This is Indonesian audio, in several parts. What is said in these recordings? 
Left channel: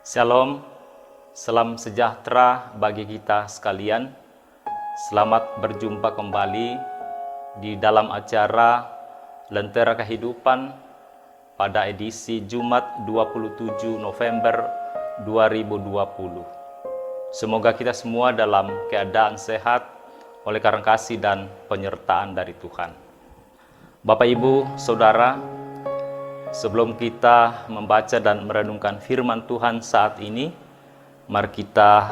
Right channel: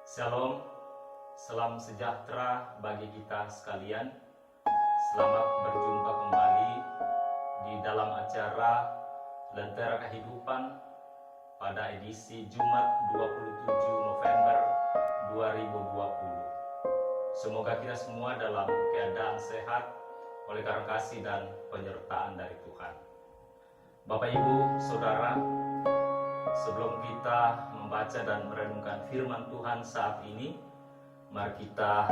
Shalom, salam sejahtera bagi kita sekalian. Selamat berjumpa kembali di dalam acara Lentera Kehidupan pada edisi Jumat 27 November 2020. Semoga kita semua dalam keadaan sehat oleh karena kasih dan penyertaan dari Tuhan. Bapak, Ibu, Saudara, sebelum kita membaca dan merenungkan firman Tuhan saat ini, mari kita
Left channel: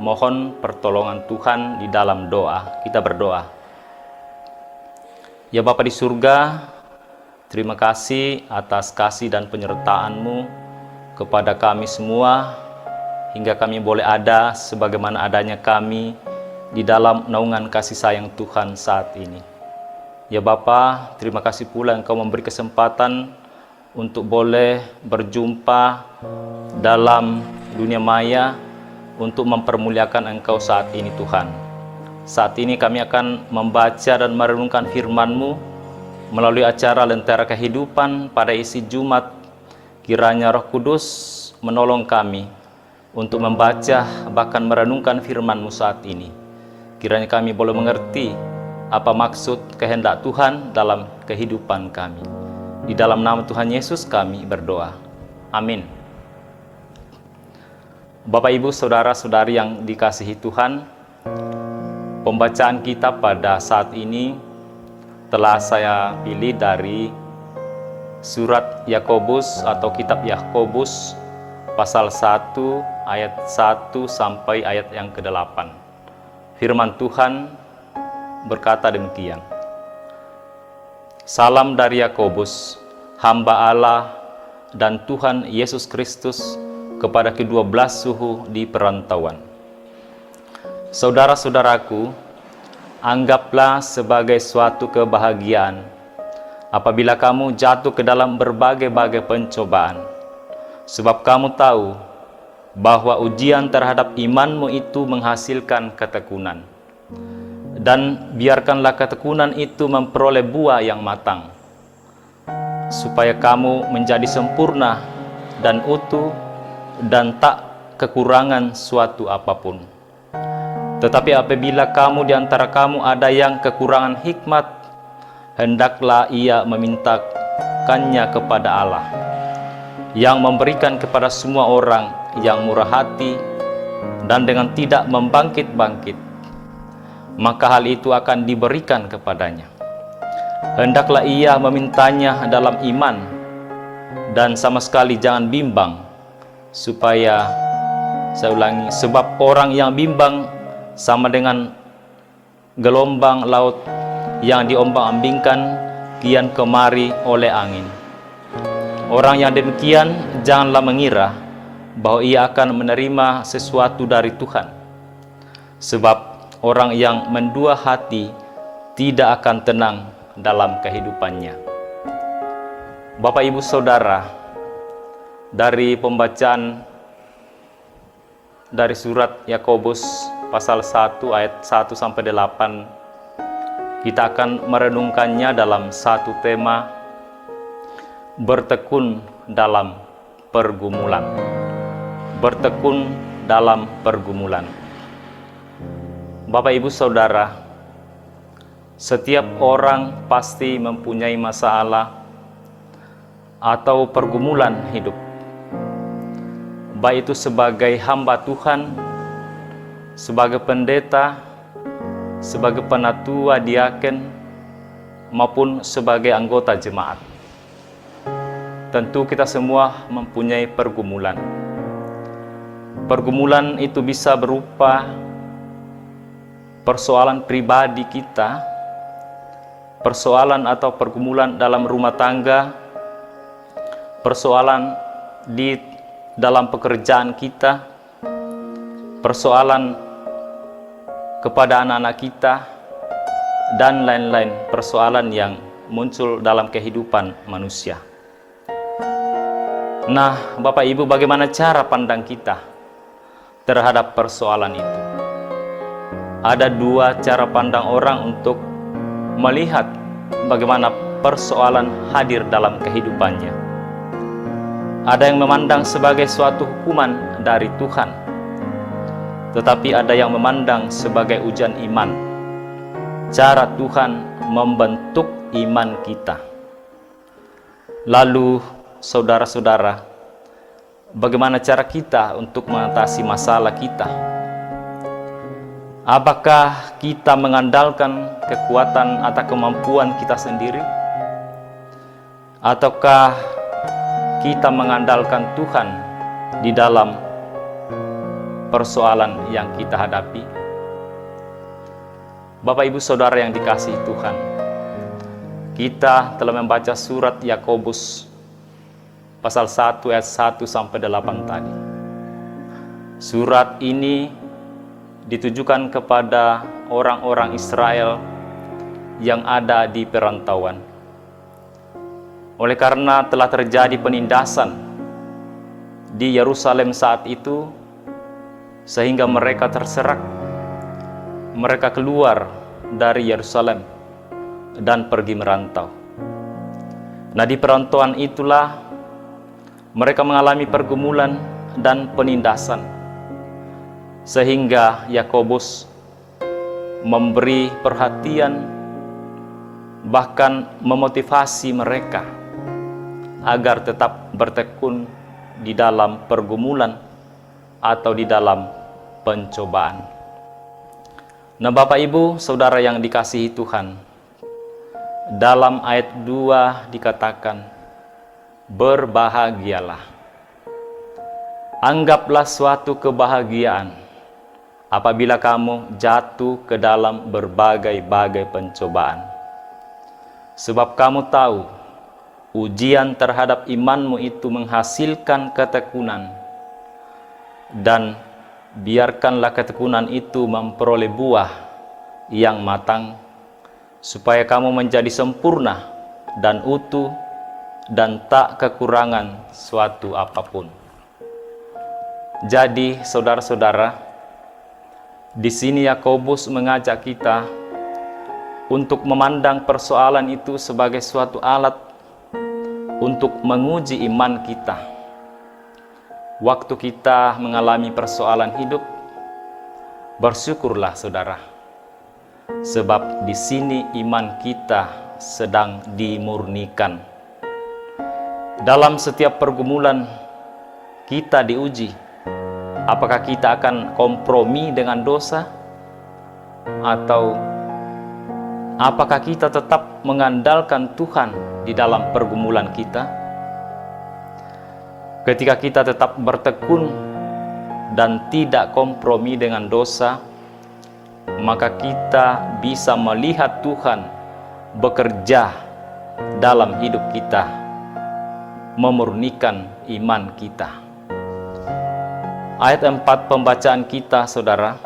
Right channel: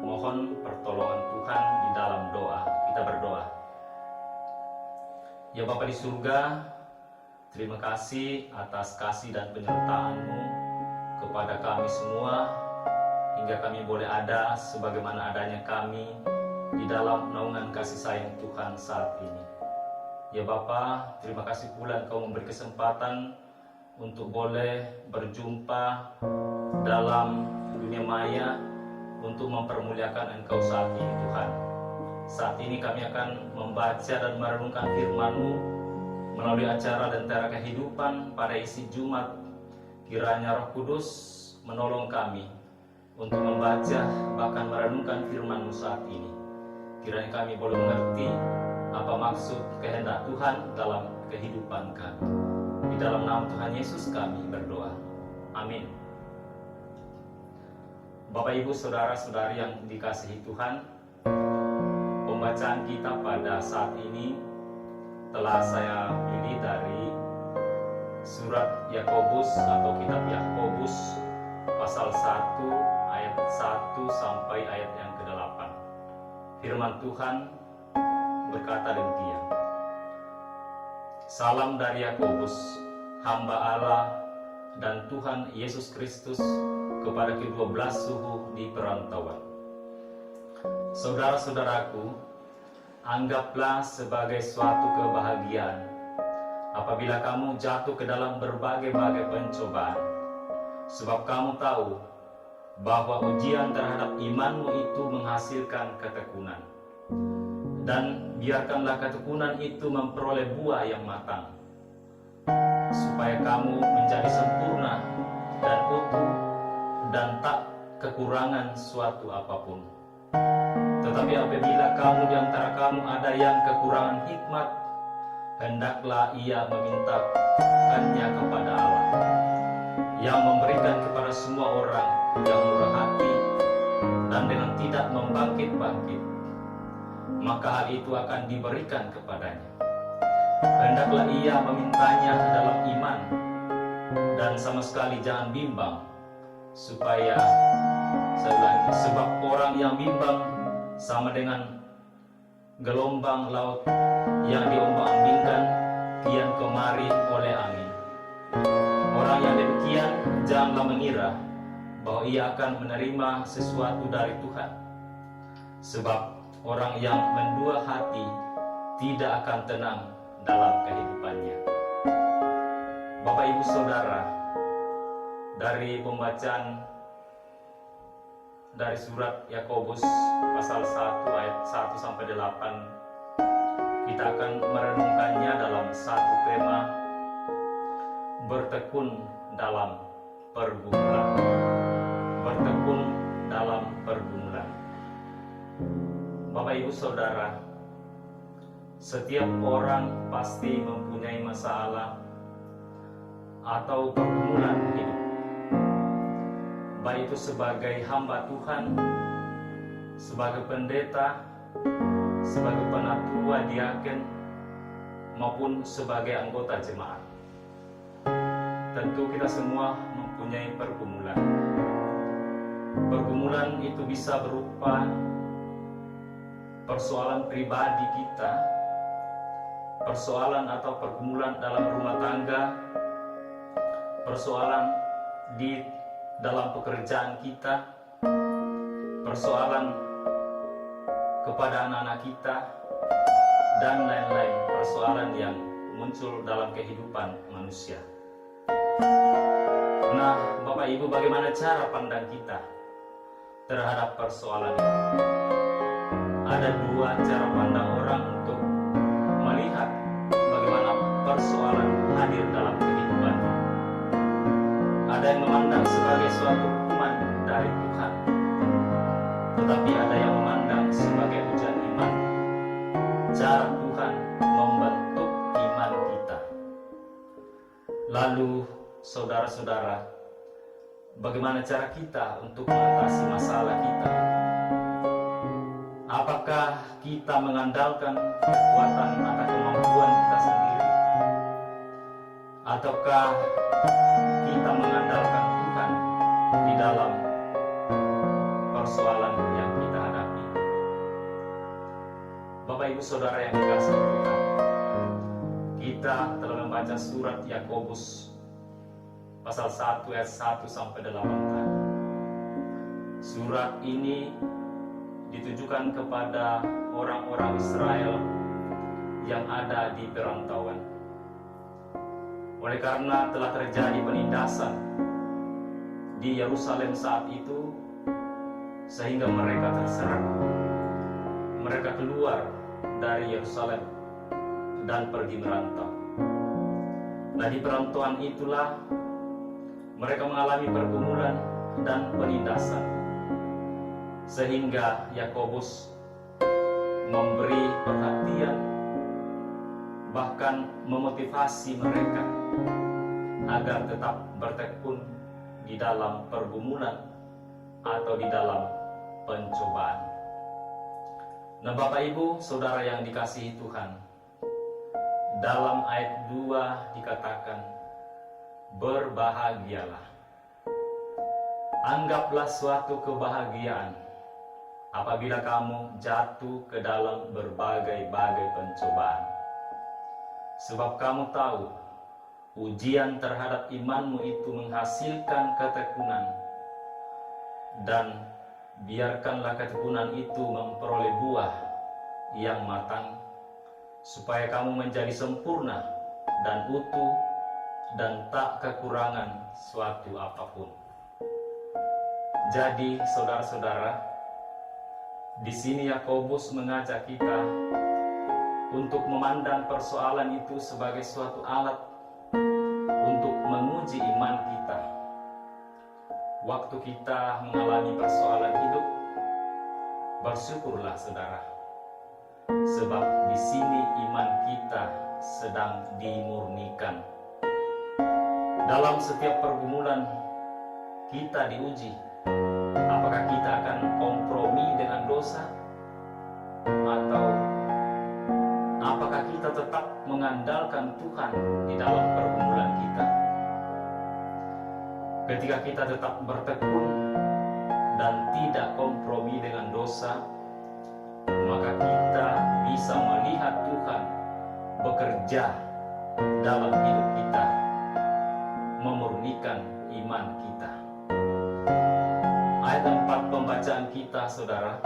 mohon pertolongan Tuhan di dalam doa. Kita berdoa. Ya Bapa di surga, terima kasih atas kasih dan penyertaan-Mu kepada kami semua, hingga kami boleh ada sebagaimana adanya kami di dalam naungan kasih sayang Tuhan saat ini. Ya Bapa, terima kasih pula Engkau memberi kesempatan untuk boleh berjumpa dalam dunia maya untuk mempermuliakan Engkau saat ini Tuhan. Saat ini kami akan membaca dan merenungkan firman-Mu melalui acara Lentera Kehidupan pada isi Jumat. Kiranya Roh Kudus menolong kami untuk membaca bahkan merenungkan firman-Mu saat ini. Kiranya kami boleh mengerti apa maksud kehendak Tuhan dalam kehidupan kami. Di dalam nama Tuhan Yesus kami berdoa. Amin. Bapak, Ibu, Saudara-saudari yang dikasihi Tuhan, pembacaan kita pada saat ini telah saya pilih dari surat Yakobus atau kitab Yakobus pasal 1 ayat 1 sampai ayat yang ke-8. Firman Tuhan berkata demikian. Salam dari Yakobus, hamba Allah dan Tuhan Yesus Kristus, kepada kedua belas suhu di perantauan. Saudara-saudaraku, anggaplah sebagai suatu kebahagiaan apabila kamu jatuh ke dalam berbagai-bagai pencobaan, sebab kamu tahu bahwa ujian terhadap imanmu itu menghasilkan ketekunan. Dan biarkanlah ketekunan itu memperoleh buah yang matang, supaya kamu menjadi sempurna dan utuh dan tak kekurangan suatu apapun. Tetapi apabila kamu di antara kamu ada yang kekurangan hikmat, hendaklah ia memintakannya kepada Allah, yang memberikan kepada semua orang yang murah hati dan dengan tidak membangkit-bangkit, maka hal itu akan diberikan kepadanya. Hendaklah ia memintanya dalam iman dan sama sekali jangan bimbang, supaya, saya ulangi, sebab orang yang bimbang sama dengan gelombang laut yang diombang-ambingkan kian kemari oleh angin. Orang yang demikian janganlah mengira bahwa ia akan menerima sesuatu dari Tuhan, sebab orang yang mendua hati tidak akan tenang dalam kehidupannya. Bapak, Ibu, Saudara, dari pembacaan dari surat Yakobus pasal 1 ayat 1 sampai 8, kita akan merenungkannya dalam satu tema, bertekun dalam pergumulan. Bertekun dalam pergumulan. Bapak, Ibu, Saudara, setiap orang pasti mempunyai masalah atau pergumulan hidup, baik itu sebagai hamba Tuhan, sebagai pendeta, sebagai penatua diaken, maupun sebagai anggota jemaat. Tentu kita semua mempunyai pergumulan. Pergumulan itu bisa berupa persoalan pribadi kita, persoalan atau pergumulan dalam rumah tangga, persoalan di dalam pekerjaan kita, persoalan kepada anak-anak kita, dan lain-lain persoalan yang muncul dalam kehidupan manusia. Nah, Bapak Ibu, bagaimana cara pandang kita terhadap persoalan itu? Ada dua cara pandang orang untuk melihat bagaimana persoalan hadir dalam kehidupannya. Ada yang memandang sebagai suatu hukuman dari Tuhan, tetapi ada yang memandang sebagai ujian iman. Cara Tuhan membentuk iman kita. Lalu, saudara-saudara, bagaimana cara kita untuk mengatasi masalah kita? Apakah kita mengandalkan kekuatan atau kemampuan kita sendiri? Ataukah kita mengandalkan Tuhan di dalam persoalan yang kita hadapi? Bapak Ibu Saudara yang dikasihi Tuhan, kita telah membaca surat Yakobus pasal 1 ayat 1 sampai 8 tadi. Surat ini ditujukan kepada orang-orang Israel yang ada di perantauan. Oleh karena telah terjadi penindasan di Yerusalem saat itu, sehingga mereka terserak. Mereka keluar dari Yerusalem dan pergi merantau. Nah, di perantauan itulah mereka mengalami pergumulan dan penindasan, sehingga Yakobus memberi perhatian, bahkan memotivasi mereka agar tetap bertekun di dalam pergumulan atau di dalam pencobaan. Nah, Bapak Ibu Saudara yang dikasihi Tuhan, dalam ayat 2 dikatakan, berbahagialah. Anggaplah suatu kebahagiaan apabila kamu jatuh ke dalam berbagai-bagai pencobaan. Sebab kamu tahu, ujian terhadap imanmu itu menghasilkan ketekunan. Dan biarkanlah ketekunan itu memperoleh buah yang matang, supaya kamu menjadi sempurna dan utuh dan tak kekurangan suatu apapun. Jadi, saudara-saudara, di sini Yakobus mengajak kita untuk memandang persoalan itu sebagai suatu alat untuk menguji iman kita. Waktu kita mengalami persoalan hidup, bersyukurlah saudara, sebab di sini iman kita sedang dimurnikan. Dalam setiap pergumulan kita diuji, apakah kita akan kompromi dengan dosa, atau apakah kita tetap mengandalkan Tuhan di dalam pergumulan kita? Ketika kita tetap bertekun dan tidak kompromi dengan dosa, maka kita bisa melihat Tuhan bekerja dalam hidup kita, memurnikan iman kita. Ayat 4 pembacaan kita, saudara,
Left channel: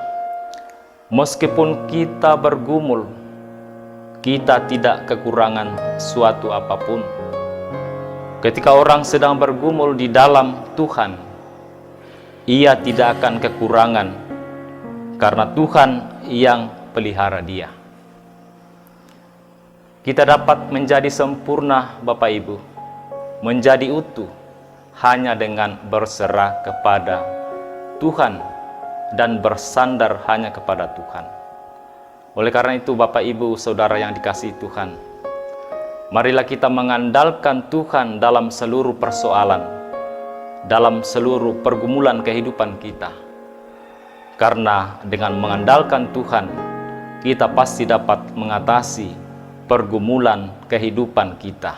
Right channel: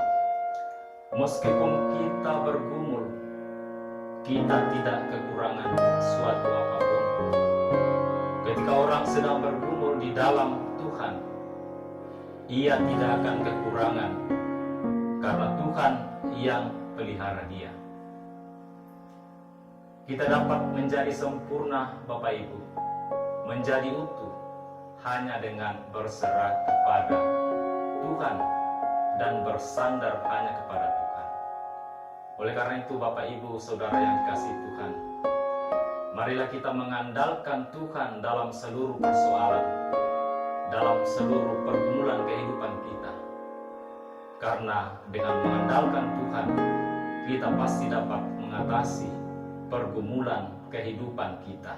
meskipun kita bergumul, kita tidak kekurangan suatu apapun. Ketika orang sedang bergumul di dalam Tuhan, ia tidak akan kekurangan, karena Tuhan yang pelihara dia. Kita dapat menjadi sempurna, Bapak Ibu, menjadi utuh, hanya dengan berserah kepada Tuhan dan bersandar hanya kepada Tuhan. Oleh karena itu, Bapak Ibu Saudara yang dikasihi Tuhan, marilah kita mengandalkan Tuhan dalam seluruh persoalan, dalam seluruh pergumulan kehidupan kita. Karena dengan mengandalkan Tuhan, kita pasti dapat mengatasi pergumulan kehidupan kita.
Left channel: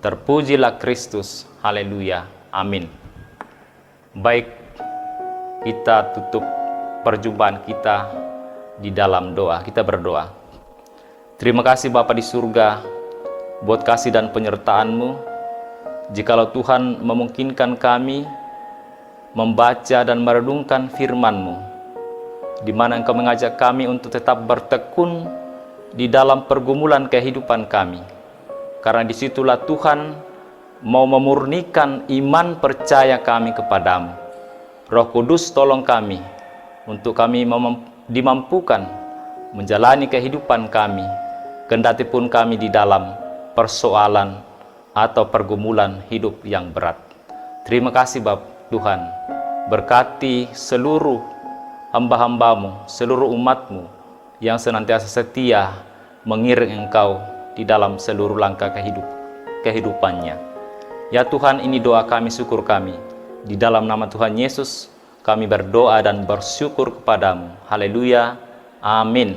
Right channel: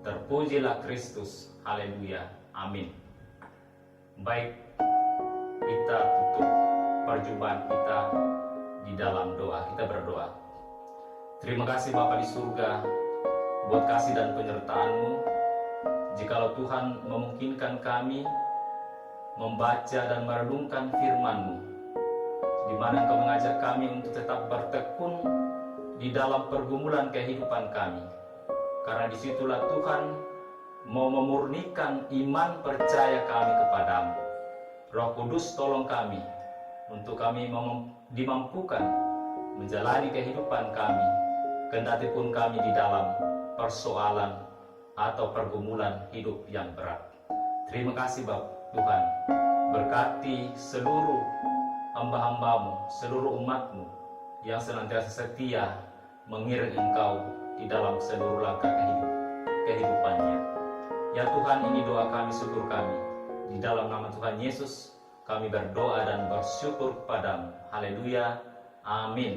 Terpujilah Kristus, haleluya, amin. Baik, kita tutup perjumpaan kita di dalam doa. Kita berdoa. Terima kasih Bapa di surga, buat kasih dan penyertaan-Mu. Jikalau Tuhan memungkinkan kami membaca dan merenungkan firman-Mu, di mana Engkau mengajak kami untuk tetap bertekun di dalam pergumulan kehidupan kami. Karena disitulah Tuhan mau memurnikan iman percaya kami kepadamu. Roh Kudus tolong kami untuk kami dimampukan menjalani kehidupan kami, kendati pun kami di dalam persoalan atau pergumulan hidup yang berat. Terima kasih Bapa Tuhan. Berkati seluruh hamba-hambamu, seluruh umatmu yang senantiasa setia mengiring Engkau di dalam seluruh langkah kehidupannya. Ya Tuhan, ini doa kami, syukur kami. Di dalam nama Tuhan Yesus, kami berdoa dan bersyukur kepadamu. Haleluya. Amin.